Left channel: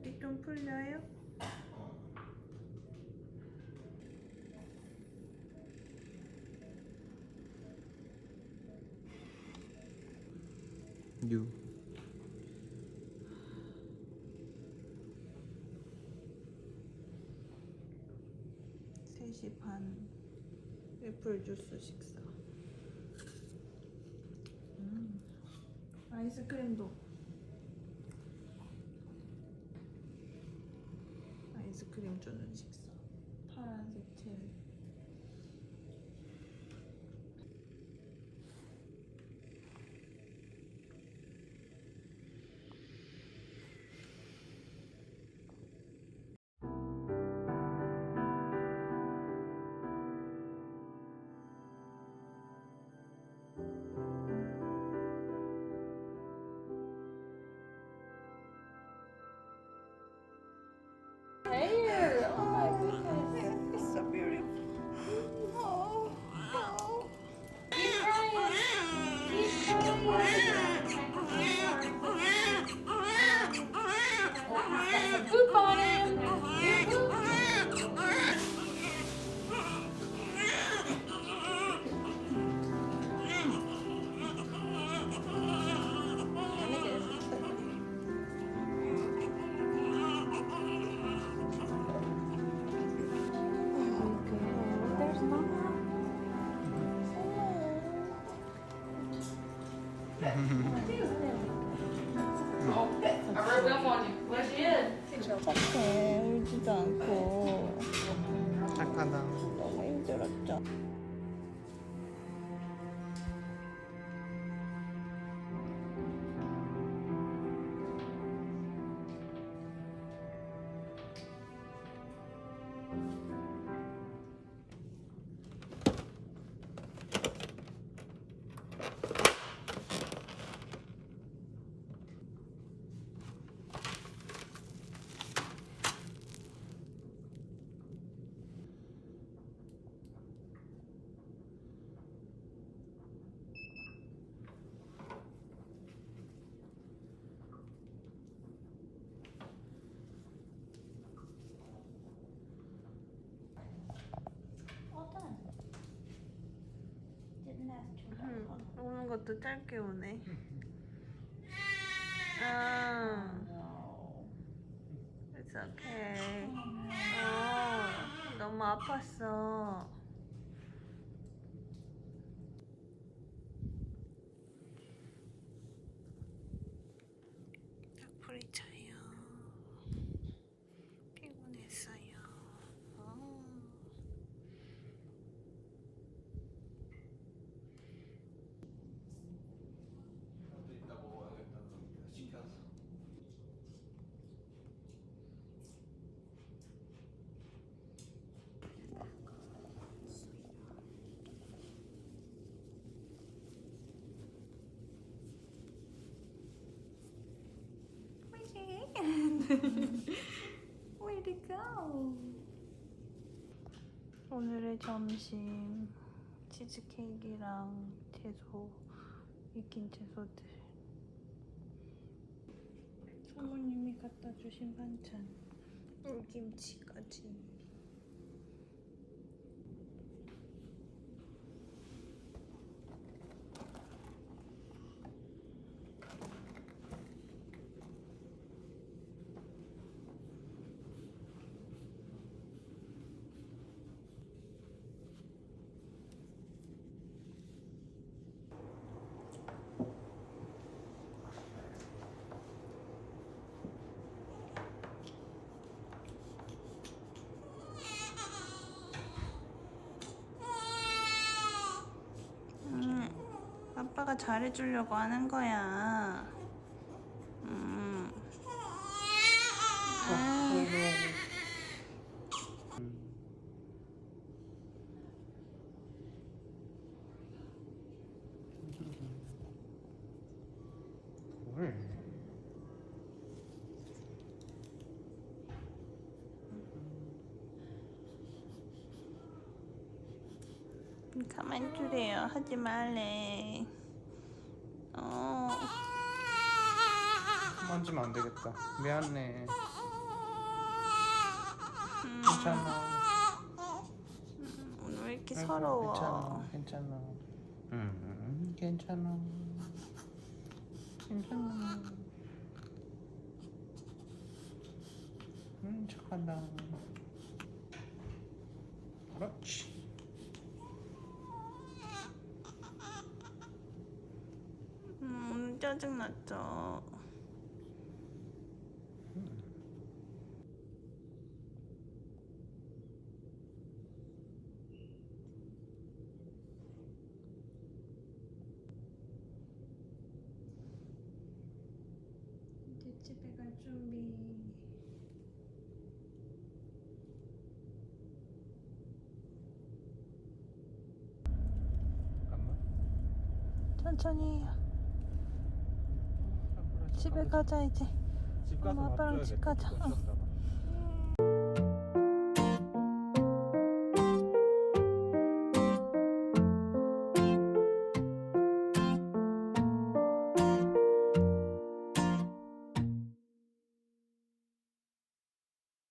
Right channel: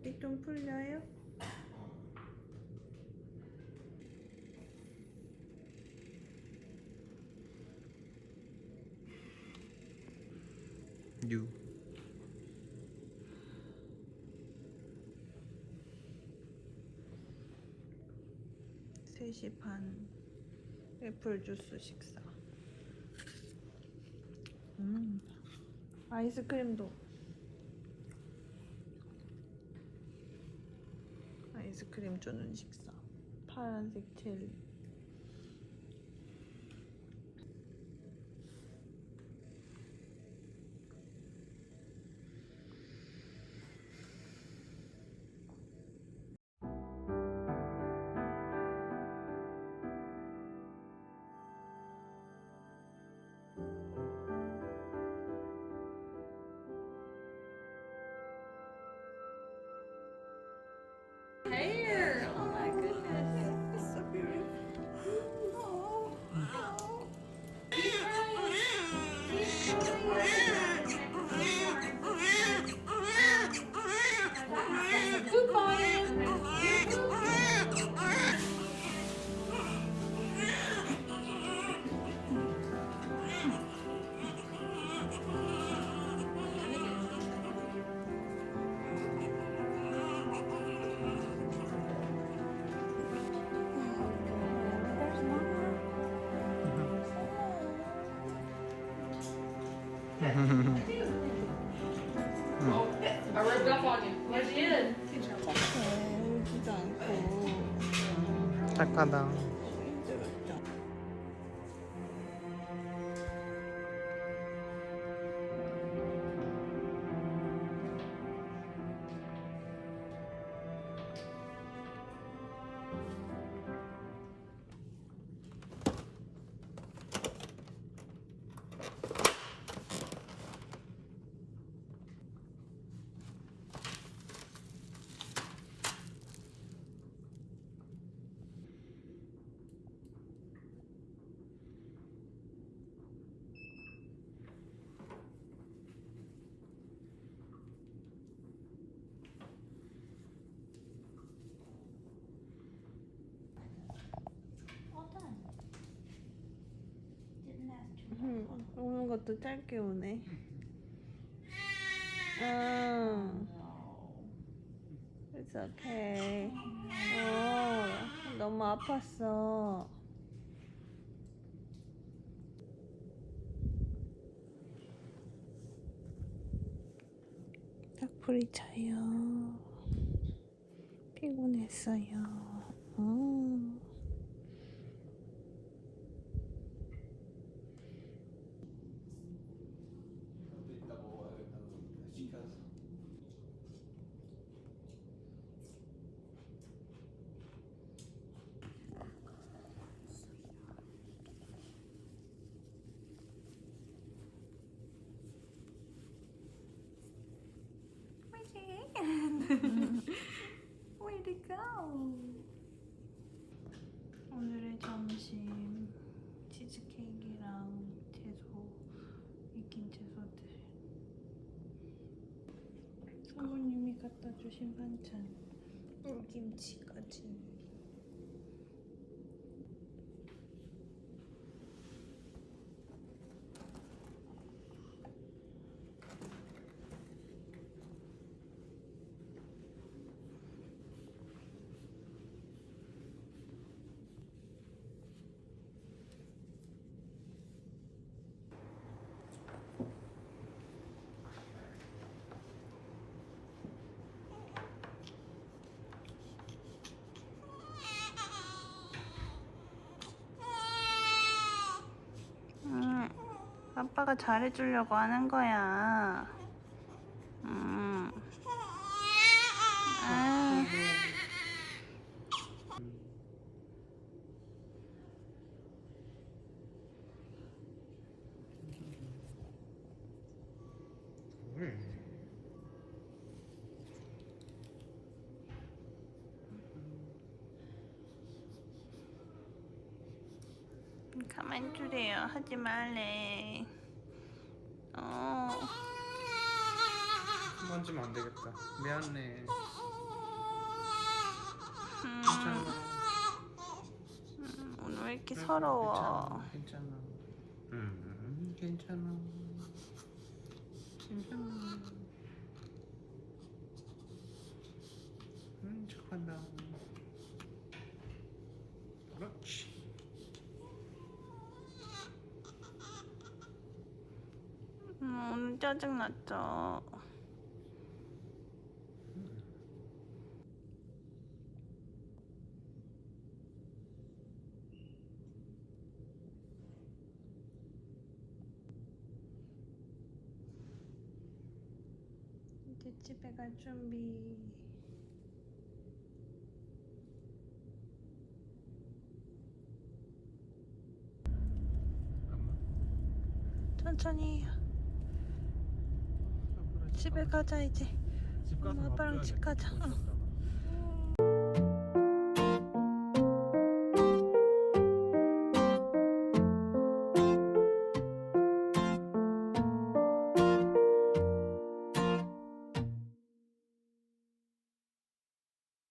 어디 좀 풀려요? 유. 3시 반 애플 주스 식사. 아이스크림도. 아이스크림 주는 식사. 파란색 젤리. Hair! Oh my goodness. It's so beautiful. Oh, oh. Keep crying. Keep crying. Poop on him. There's mama. I rubbed up on you. Yes, you did. 착해. 울지도 않고. 착하다. 너무 힘들었죠. All done. Didn't last too long. 오는 것도 짧게 오네. 아, No. it's okay. 너무 아팠어. 딱풀이 차요. 피곤했어요. 이따 먹어야겠다. 시켜서. Where'd it go? 오늘의 점심 치즈케이크랑 채소, 익힌 채소들. 사모님이 갖다 주신 반찬, 물김치까지. 아빠가 잘해주려고 하는 거야. 뭘? 가만 두래요. 하지 말래. 만지면 안 되겠다. 미안해. 괜찮아. 오늘 왜 이렇게 서러워? 괜찮아. 괜찮아. 괜찮아. 착하다. 그렇지. 오늘 짜증났죠? 이제 집에 갈 준비. 천천히 해요. 집에 가자 이제. 엄마 아빠랑 집 가자. 응.